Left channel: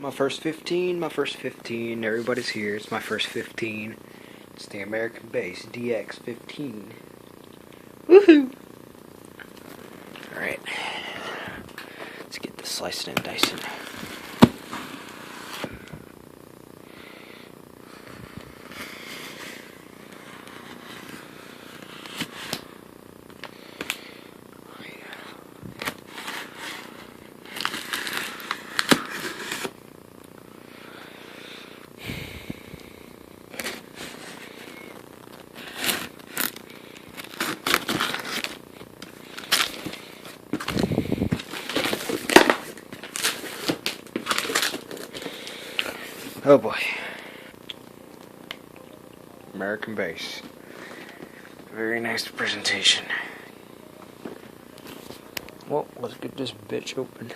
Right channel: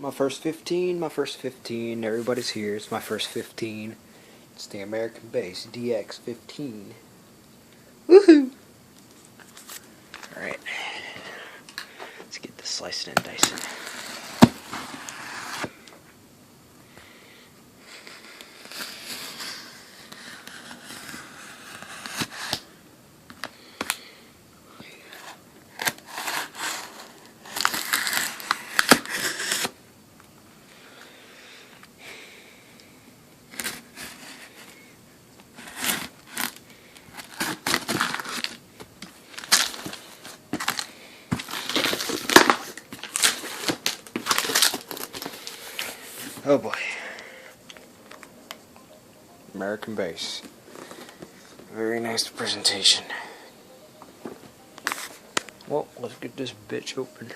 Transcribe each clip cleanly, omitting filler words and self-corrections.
My first 15, everybody's here. It's my first 15. It's the American bass dx15. Woohoo! Alright. Let's get this slicing and dicing. Oh boy. American bass. Very nice presentation. Well, let's get this bitch open.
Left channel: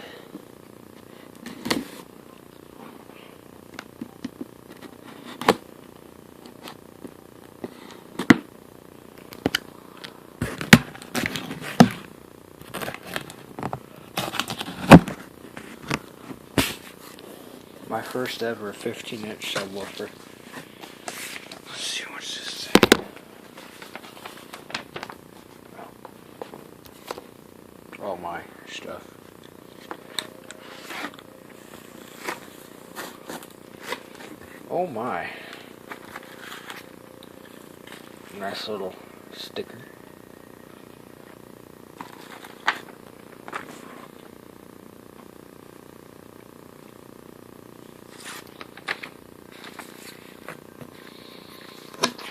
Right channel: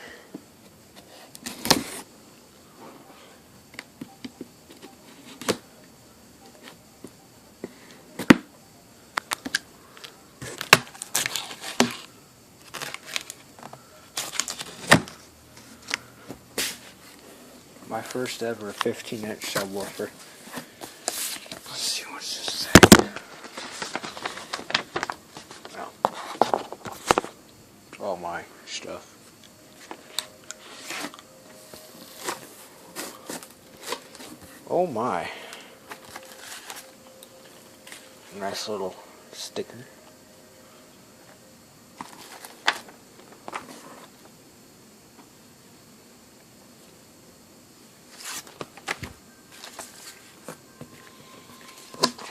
My first ever 15-inch subwoofer. Let's see, what's this thing? Oh. All my stuff. Oh my. Nice little sticker.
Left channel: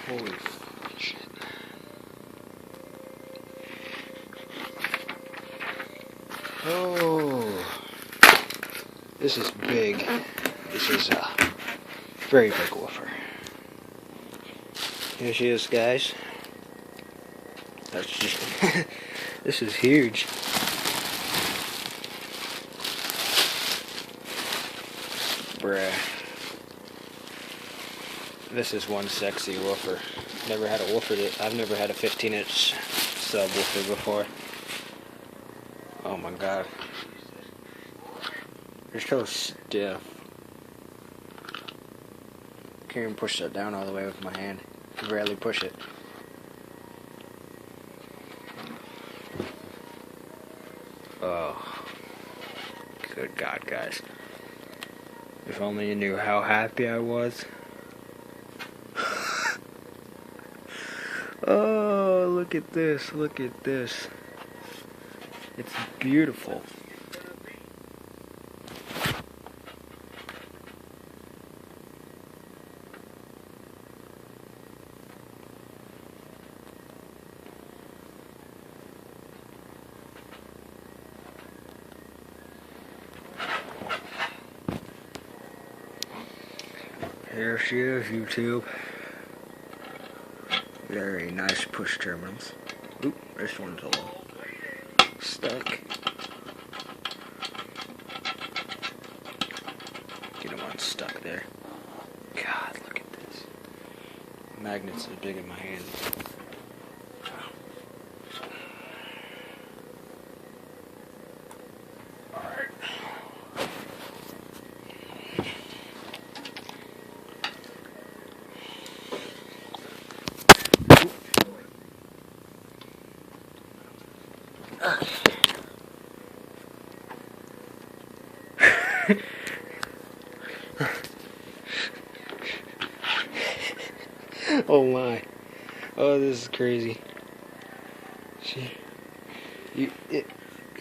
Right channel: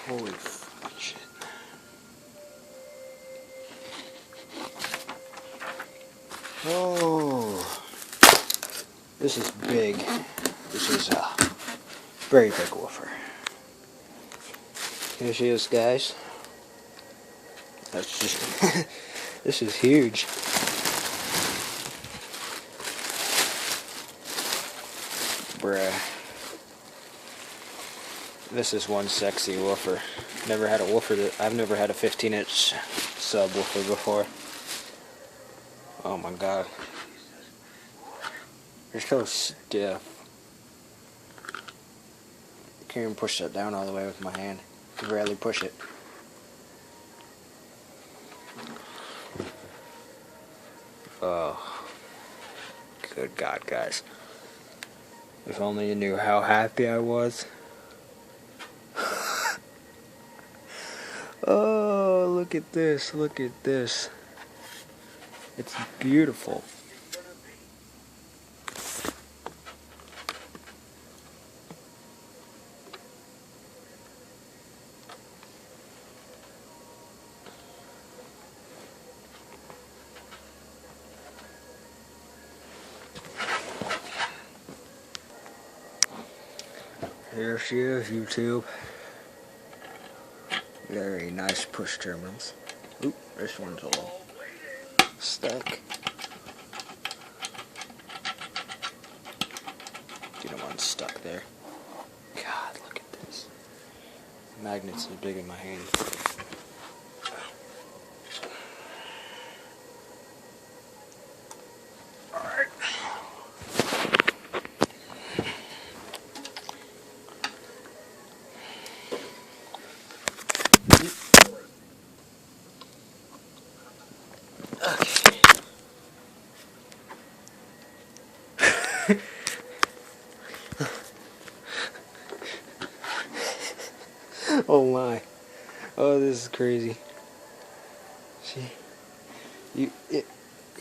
Holy shit. Oh, this is big. This is a very big woofer. Here she is, guys. That's just this is huge. Bruh. This is one sexy woofer. Never had a woofer I've never had a 15-inch subwoofer before. Oh my god. They're so stiff. Can't even push that down all the way with my hand. I rarely push it. Oh. Good God, guys. If only you knew how happy I was. Oh, look at this, look at this. It's beautiful. Here she is, YouTube. Very nice push terminals. Oop, this one's a little stuck. Get them unstuck there. God, look at this. The magnets are big in my hand. Alright. Oh my. Oh, this is crazy. You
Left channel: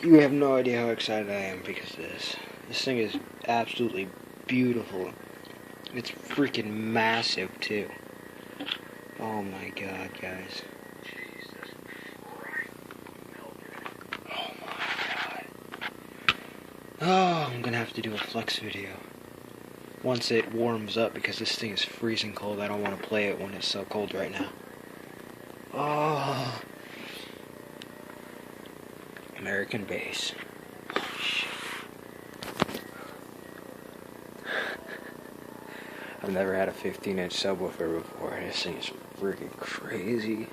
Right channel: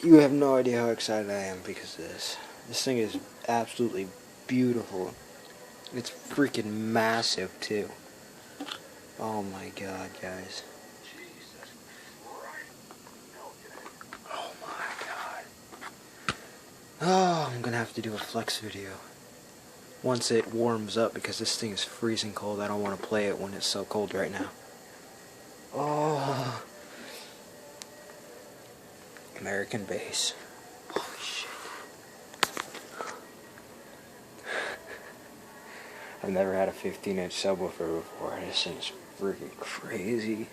have no idea how excited I am because of this. This thing is absolutely beautiful. It's freaking massive too. Oh my god, guys. Oh my god. Oh, I'm gonna have to do a flex video once it warms up because this thing is freezing cold. I don't want to play it when it's so cold right now. Oh, American bass. Holy shit. I've never had a 15-inch subwoofer before. This thing is freaking crazy.